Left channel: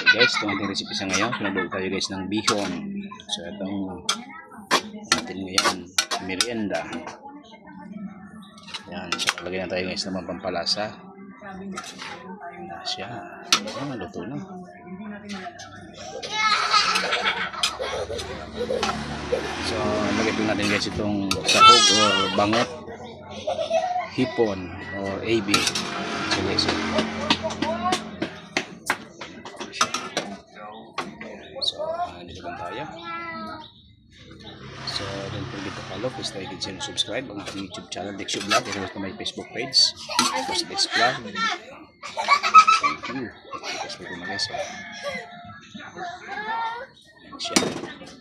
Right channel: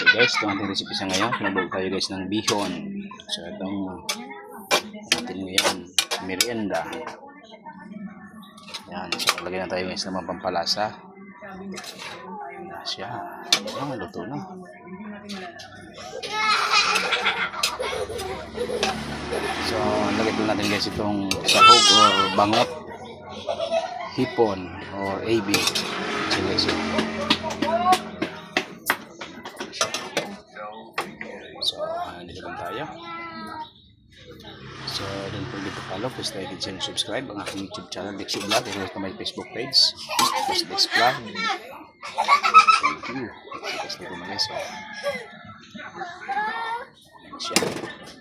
So guys, itong ating recipe sa ngayon. Pinagbago tayo guys ng bihon. So itong natin ngayon, merienda. Yan, so lagyan na tayo guys ng mga pampalasa. Yan siya. Ayan, luto na. So lagyan po natin guys itong sahog or bangot, hipon or AB. So guys, dito lang tayo. So don't forget to follow, please like and share and subscribe ang aking YouTube channel, Dexio Vlog, or sa my Facebook page, Post Dex Vlog. Thank you. Guys, dito na guys. Yan siya.